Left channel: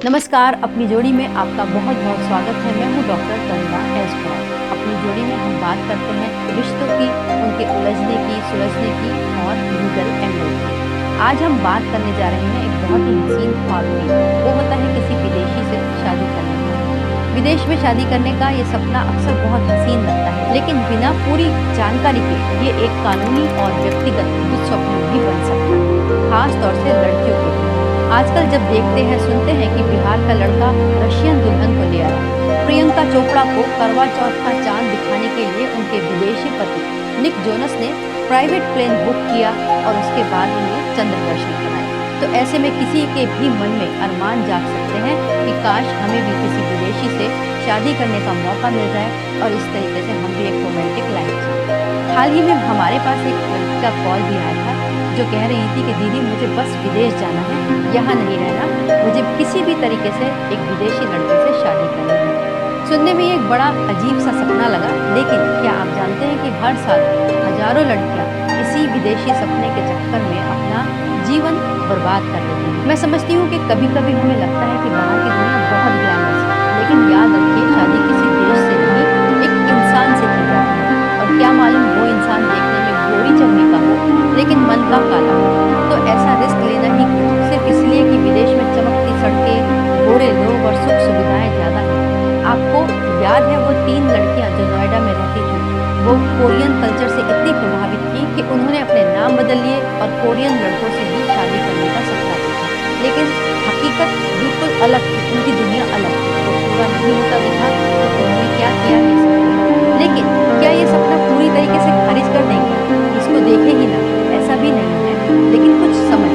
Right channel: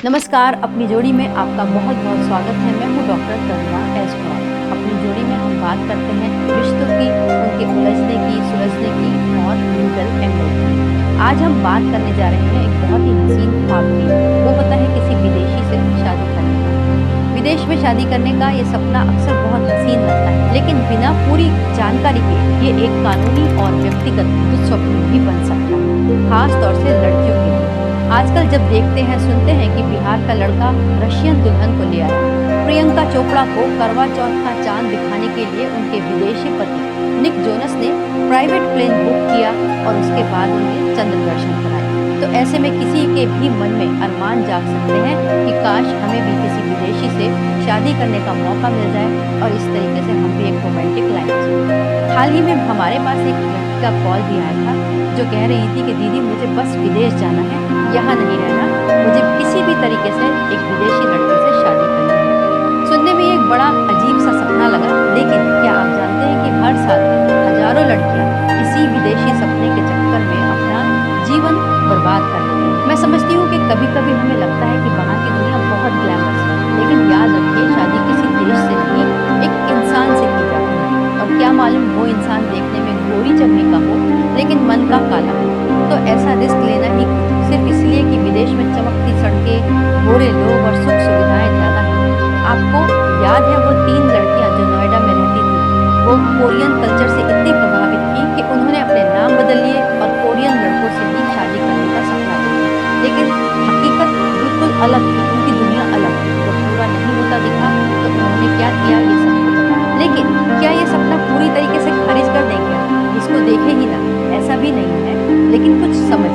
नमस्कार, अपनी जोड़ी में आपका बहुत बहुत स्वागत है। मैं हूँ डॉक्टर तरुणा एस पॉल। अपनी जोड़ी में हम बात करते हैं रिश्तों की, उनके उलझने की, सुलझने की और लीगल एंगल की। आज हम बात करने जा रहे हैं एक बहुत ही हसीन ख्वाब की। वो होता है किसी विदेशी से शादी करने का। विदेश में शादी करने का ये सपना अक्सर बहुत हसीन लगता है, लेकिन बिना पूरी जानकारी के ये एक कानूनी और व्यक्तिगत दुःस्वप्न भी बन सकता है, खास तौर से लड़कियों के लिए। आजकल जब देखते हैं, सुनते हैं कि बिहार का लड़का रशियन दुल्हन को ले आया, प्रियंका चोपड़ा को करवा चौथ का चांद दिखाने के लिए उनके विदेशी पति निक जोनस ने प्राइवेट प्लेन बुक किया और उसके बाद उन्हें चंद्र दर्शन कराए, तो ऐसे में किसी के भी मन में अरमान जाग सकते हैं कि काश हमें भी किसी विदेशी से शादी करने का मौका मिल जाए और इस तरीके से हम भी एक रोमांटिक लाइफ जिए। हाल ही में हमारे पास एक लड़की का कॉल भी आया था जो कह रही थी कि दीदी मुझे बस विदेश जाना है, यहाँ नहीं रहना, मुझे किसी भी तरीके से एक विदेशी लड़के से शादी करनी है। सुनने में एक बड़ा अजीब सा सपना लगा, लेकिन क्या आप जानते हैं कि हर साल हजारों लड़कियां इसी विदेशी सपने के चक्कर में अपना जीवन बर्बाद कर लेती हैं। मैं समझती हूँ कि कभी कभी हमें लगता है कि बाहर की दुनिया बहुत ग्लैमरस है, लेकिन याद रखिए शादी किसी देश से नहीं, एक इंसान से की जाती है। और क्या मालूम वो इंसान देखने में गोरी चमड़ी का हो लेकिन मन का काला हो, तो ऐसा रिस्क लेना ही क्यों, सिर्फ इसलिए कि विदेश में चमकती सड़कें, गोरे लोग और सुख सुविधाएं ज्यादा हैं। आपको याद है वो 3 लड़कियां जो नोएडा में रहती थी, वो कोरियन कल्चर से इतनी प्रभावित थी कि उन्होंने अपने नाम बदल लिए और कोरियन लड़कों से भी शादी करने का सपना देखा, लेकिन हकीकत बिल्कुल अलग थी, उनकी दुनिया अलग थी। वो पूरा नहीं होता दिखा तो उन्होंने क्या किया ये सबको पता है। लेकिन क्या ये सपना पूरी तरीके से खारिज कर देंगे? इसको देखे ही ना, ऐसा भी नहीं है, लेकिन कुछ समझ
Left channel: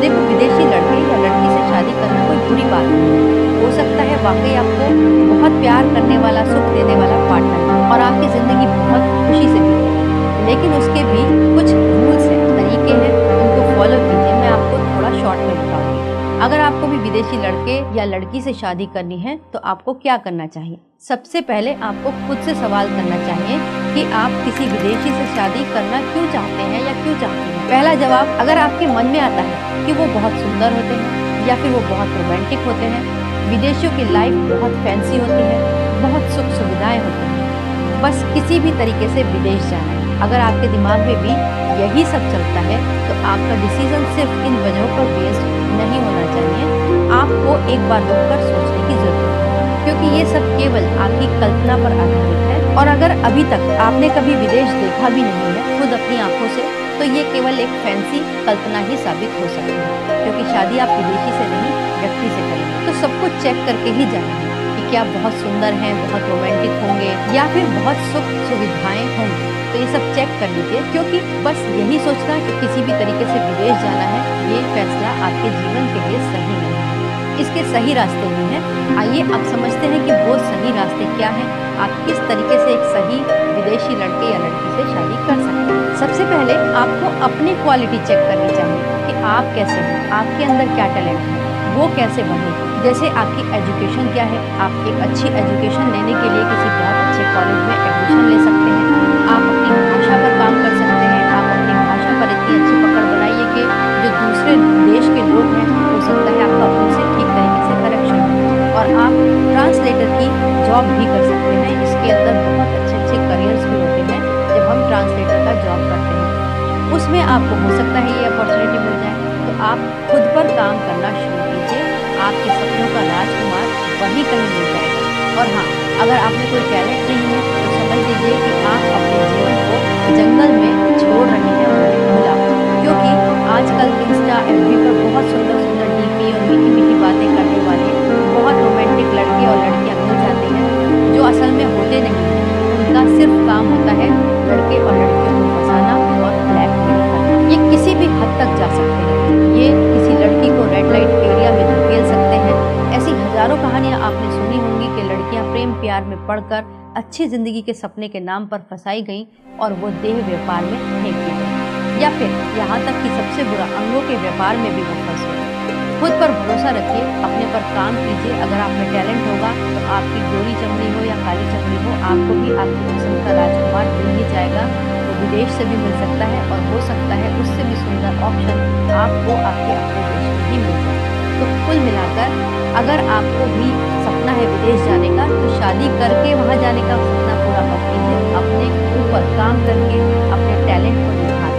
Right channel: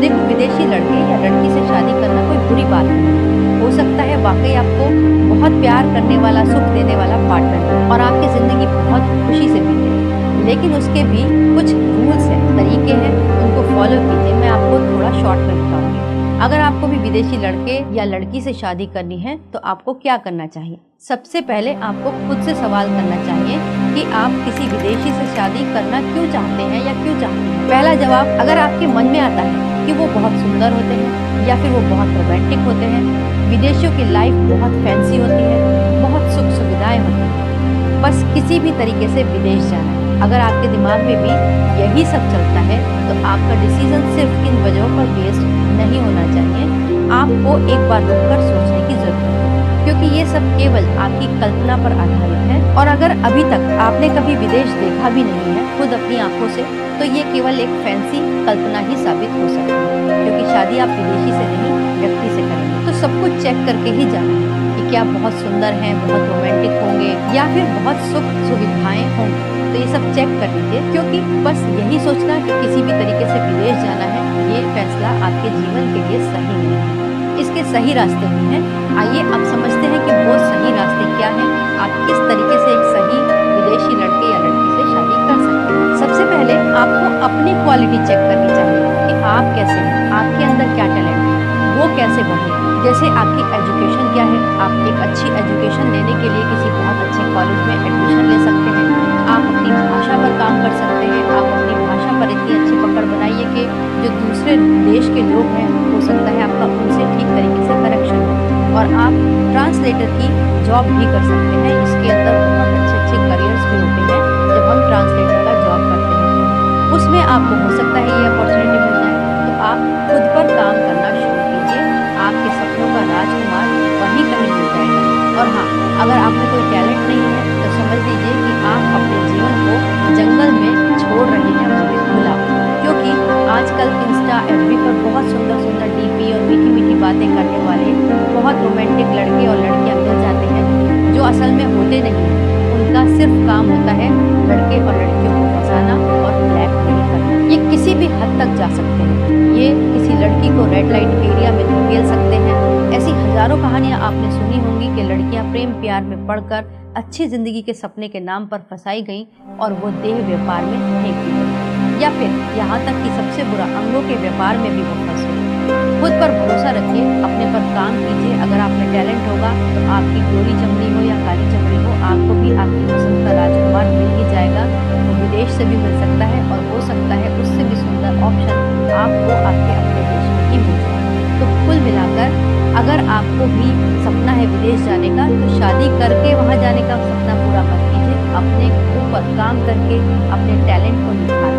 देखो, विदेशी लड़के या लड़की से शादी करना कोई बुरी बात नहीं। हो सकता है वाकई आपको बहुत प्यार करने वाला, सुख देने वाला पार्टनर हो और आपकी जिंदगी बहुत खुशी से बीते, लेकिन उसके भी कुछ रूल्स हैं, तरीके हैं, उनको फॉलो कीजिए। मैं आपको थोड़ा शॉर्ट में बताऊंगी। अगर आपको भी विदेशी लड़के या लड़की से शादी करनी है तो आपको क्या करना चाहिए? सबसे पहले आपको खुद से सवाल करना चाहिए कि आप किसी विदेशी से शादी करना क्यों चाहते हैं या क्यों चाहती हैं। पहला जवाब अगर आपके मन में आता है कि वो बहुत सुंदर होते हैं या फिर वो बहुत रोमांटिक होते हैं, विदेशियों की लाइफ बहुत फैंसी होती है, बहुत सुख सुविधाएं होती हैं, बस किसी भी तरीके से विदेश जाना है, अगर आपके दिमाग में भी यही सब चलता है तो आपका डिसीजन सिर्फ इन वजहों पर बेस्ड नहीं होना चाहिए। आपको एक बार रुककर सोचने की जरूरत है, क्योंकि ये सब केवल आपकी कल्पना पर आधारित है। और अगर अभी तक आपने कभी विदेश देखा भी नहीं है खुद अपनी आंखों से, तो ये केवल एक फैंसी कल्पना ही साबित हो सकती है, क्योंकि शादी आप विदेशी से नहीं, व्यक्ति से करेंगे। तो सब कुछ चेक करके ही जाना है कि क्या बहुत सुंदर हैं, बहुत रोमांटिक होंगे या फिर बहुत सुख सुविधाएं होंगी। तो ये सब चेक कर लीजिए, क्योंकि बस यही सोचना कि किसी भी तरीके से विदेश जाना है, ये फैसला आपके जीवन के लिए सही नहीं है। इसके सही रास्ते भी हैं। आइए अब समझते हैं कि वो सही रास्ते क्या हैं, आप किस तरीके से एक सही विदेशी लड़के या लड़की से शादी कर सकते हैं। सबसे पहले आपको अपनी क्वालिटी चेक करनी चाहिए कि आप कैसे हैं, आपके अंदर क्या टैलेंट है, वो कैसे बढ़े। जैसे आपकी एजुकेशन क्या है, आप एक अच्छी एजुकेशन लेने के लिए किसी बहुत अच्छे कॉलेज में एडमिशन ले सकते हैं। आप अपनी भाषा पर काम कर सकते हैं, आप अपनी भाषा पर इतनी अच्छी पकड़ बनाइए कि जो दूसरे देश के लोग हैं, हो सकता है आपका उनसे ठीक तरीके से कनेक्शन हो। और आप ट्रांसलेटर की जॉब भी कर सकते हैं, इसके अंदर बहुत अच्छे अच्छे करियर्स भी होते हैं। जब हम ट्रांसलेटर का जॉब करते हैं उसमें आपको हो सकता है ये अपॉर्चुनिटी मिल जाए, तो आप खुद पर काम करना शुरू कीजिए, आपके सपनों का राजकुमार वहीं कहीं मिल जाएगा। और हाँ, अगर आप में कोई टैलेंट नहीं है तो समझ लीजिए कि आप अपने जीवन को जंगल में छोड़ रहे हैं, वो खुला, क्योंकि आजकल इंस्टा एफबी पर बहुत सुंदर सुंदर डीपी और मीठी मीठी बातें करने वाले बहुत रोमांटिक लड़के और लड़कियां मिल जाते हैं, जो असल में होते नहीं हैं। उनका सिर्फ काम होता है लड़के और लड़कियों को फंसाना और ब्लैकमेल करना। ये किसी भी हद तक जा सकते हैं, ये किसी लड़की को रेड लाइट एरिया में धकेल सकते हैं। ऐसी हजारों कहानियां आपने सुनी होंगी कि लड़कियां प्रेम प्यार में पड़कर अच्छी जिंदगी के सपने के नाम पर फंसाई गईं और वो देह व्यापार में फेंक दी गई, या फिर यहाँ तक कि सबसे बुरा अंगों के व्यापार में भी वो फंस गई। खुद पर भरोसा रखिए, अपने पर काम कीजिए। अगर आप में टैलेंट होगा तो आपकी गोरी चमड़ी हो या काली चमड़ी हो, आपको भी आपकी पसंद का राजकुमार मिल ही जाएगा। वो विदेश से भी मिल सकता है और हो सकता है उससे भी सुंदर ऑप्शन आपको आपके अपने देश में ही मिल जाए। तो कुल मिलाकर अगर आपको भी सपना है विदेश जाने का, तो शादी करके वहाँ जाने का सपना पूरा मत कीजिए। अपने ऊपर काम करके अपने टैलेंट को निखारिए।